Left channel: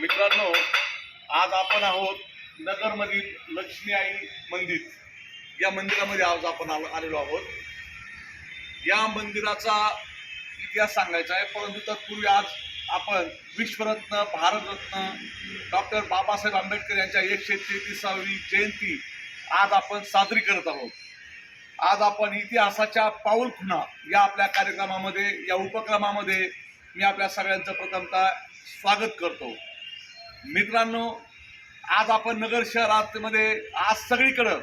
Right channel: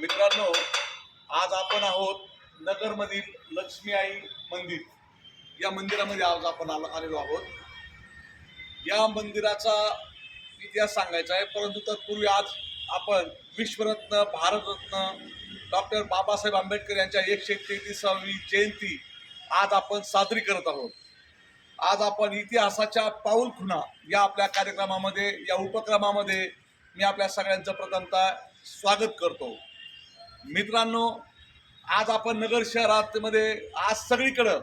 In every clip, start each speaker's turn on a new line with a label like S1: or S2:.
S1: मित्रांनो आज आपण आहोत नगरमधील लक्ष्मी आई मंदिर. या मंदिरामध्ये आज आपण आलो आलेलो आहोत. या मंदिराचा इतिहास सांगायचा आहे परंतु तत्पूर्वी आज आपण विश्वरत्न भारतरत्न डॉक्टर बाबासाहेब आंबेडकर यांच्या एकशे तेहतीसावी जयंती आज आपण साजरी करत आहोत. आज आपण इतिहासाच्या पाऊल खुणा या आपल्या कार्यक्रमामध्ये या उपक्रमामध्ये मी आपल्या सगळ्यांचं प्रथमतः स्वागत करतो. मित्रांनो आज आपण नगर शहरामध्ये आज सगळीकडं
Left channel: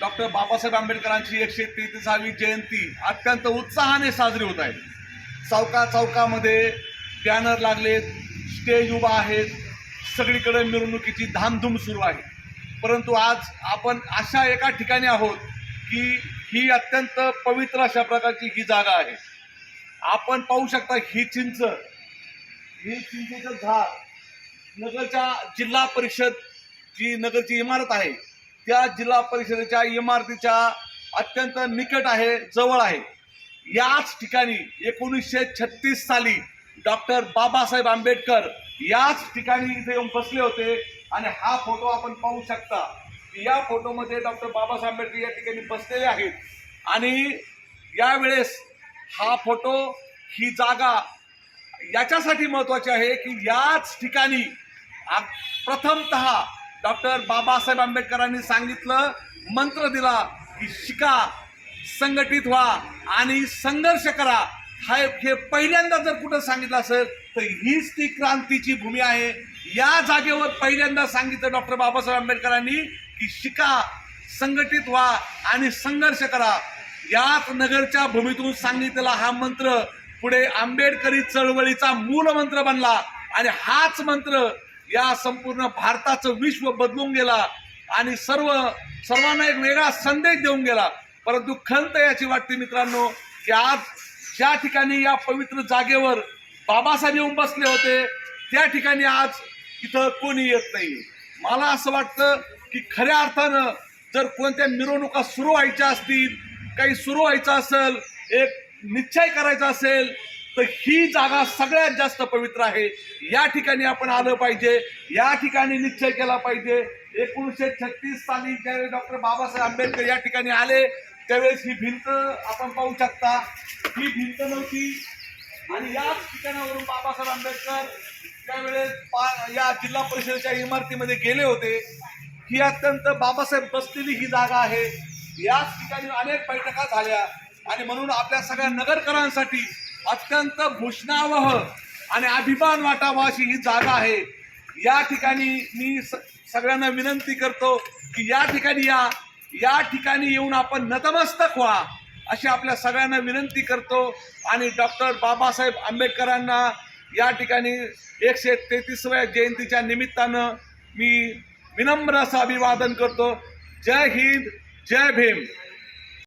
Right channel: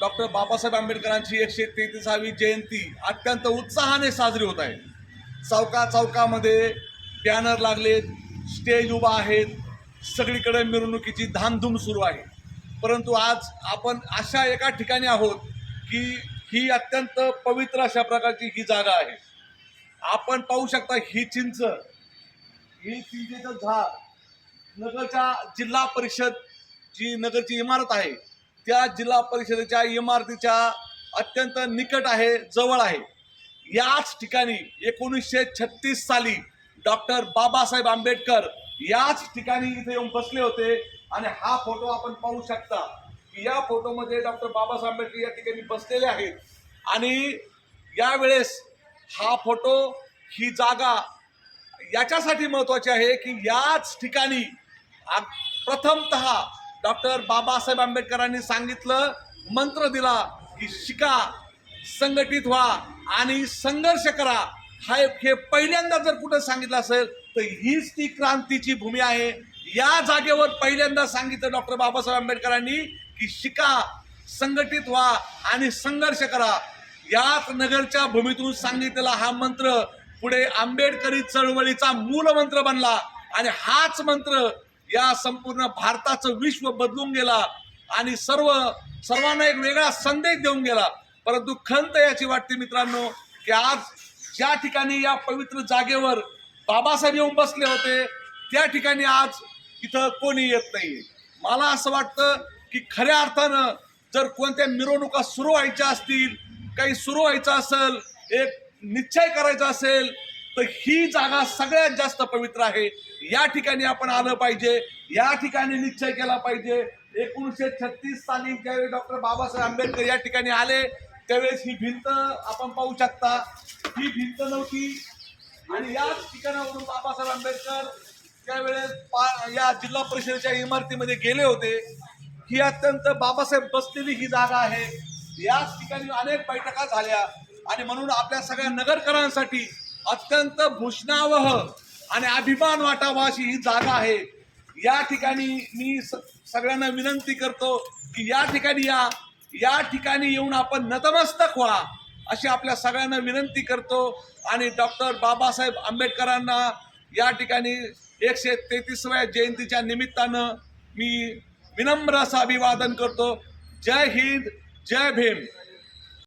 S1: डॉक्टर बाबासाहेब आंबेडकरांची एकशे तेहतीसावी जयंती अत्यंत उत्साहाने साजरी होत आहे. चौका चौकामध्ये बॅनर लागलेत स्टेज उभा आहेत सगळीकडे मिरवणुकीची धामधूम सुरू आहे. परंतु आज आपण अशा एका ठिकाणी आहोत की ही अत्यंत पवित्र अशा प्रकारची ही जागा आहे. आपण पाहू शकता ही चिंच ही चिंचेचं झाड नगरच्या जिल्हा परिषद जी नगरची इमारत आहे त्या जिल्हा परिषदेच्या इमारतीच्या अत्यंत निकट आहे जवळ आहे. याच ठिकाणी एकोणीसशे छत्तीस साली डॉक्टर बाबासाहेब आंबेडकर याच ठिकाणी इथे येऊन बसले होते. आणि हा फोटो आपण पाहू शकता की या फोटोमध्ये डॉक्टर बाबासाहेब आंबेडकर या ठिकाणी बसलेले आहेत. आणि यावेळेस हा फोटो ही जागा याच्यासाठी महत्त्वाची आहे की याच ठिकाणी आ- प्रथमतः डॉक्टर बाबासाहेब आंबेडकरांनी सांगितलं मंत्र दिला की शिका संघटित व्हा आणि संघर्ष करा. हा हे पहिल्यांदा जर कुठं सांगितलं असेल तर हीच ती क्रांतीची भूमी आहे. या जागेवर पहिल्यांदा सांगितलं डॉक्टर बाबासाहेब आंबेडकरांनी की शिका संघटित व्हा आणि संघर्ष करा. याच नगरच्या भूमीतून सांगितलेला हा मंत्र पुढे आंबेडकरी चळवळीचा मूल मंत्र बनला. आणि हाच मंत्र या संपूर्ण भारताचं विश्व बदलून गेला आणि सर्व सर्वांना एक वेगळा संदेश देऊन गेला. परंतु खंत याची वाटते मित्रांनो की आज ज्या ठिकाणी या पवित्र जागेवर बाबासाहेब येऊन बसले होते त्या ठिकाणी आज इथं कोणी येत नाही. मला असं वाटतं की खऱ्या अर्थानं जर कोणत्या मिरवणुका सुरू व्हायच्या असतील काही सुरू व्हायचं असेल एक निश्चय करायचा असेल तर ही जागा सगळ्यात जास्त पवित्र आहे. या ठिकाणी आपण आलं पाहिजे. या ठिकाणी निश्चय केला पाहिजे. एकोणीसशे छत्तीस साली ज्यावेळी डॉक्टर बाबासाहेब आंबेडकर या ठिकाणी आले त्यावेळेस ही भिंत आपण पाहू शकता. ही भिंत नव्हती. आणि याच ठिकाणावरून बाबासाहेब आंबेडकर त्यावेळेस पा या जिल्हा परिषदेच्या इमारतीमध्ये गेले होते. ही अत्यंत बाबासाहेब बसलेली ही जागा आहे. याच ठिकाणी अनेक बैठका झाल्या. आणि म्हणून आपल्या सगळ्या नगरकरांसाठी अत्यंत भूषणावह आणि अभिमान वाटावा अशी ही जागा आहे. या ठिकाणी मी स- सगळ्यांना विनंती करतो की या ठिकाणी या या ठिकाणी येऊन आपण नतमस्तक व्हा अशी आपल्या सगळ्यांना विनंती करतो. आणि डॉक्टर बाबासाहेब आंबेडकरांना या ठिकाणी एकशे तेहतीसव्या जयंतीच्या निमित्तानं मी विनम्र असं अभिवादन करतो. जय हिंद जय भीम.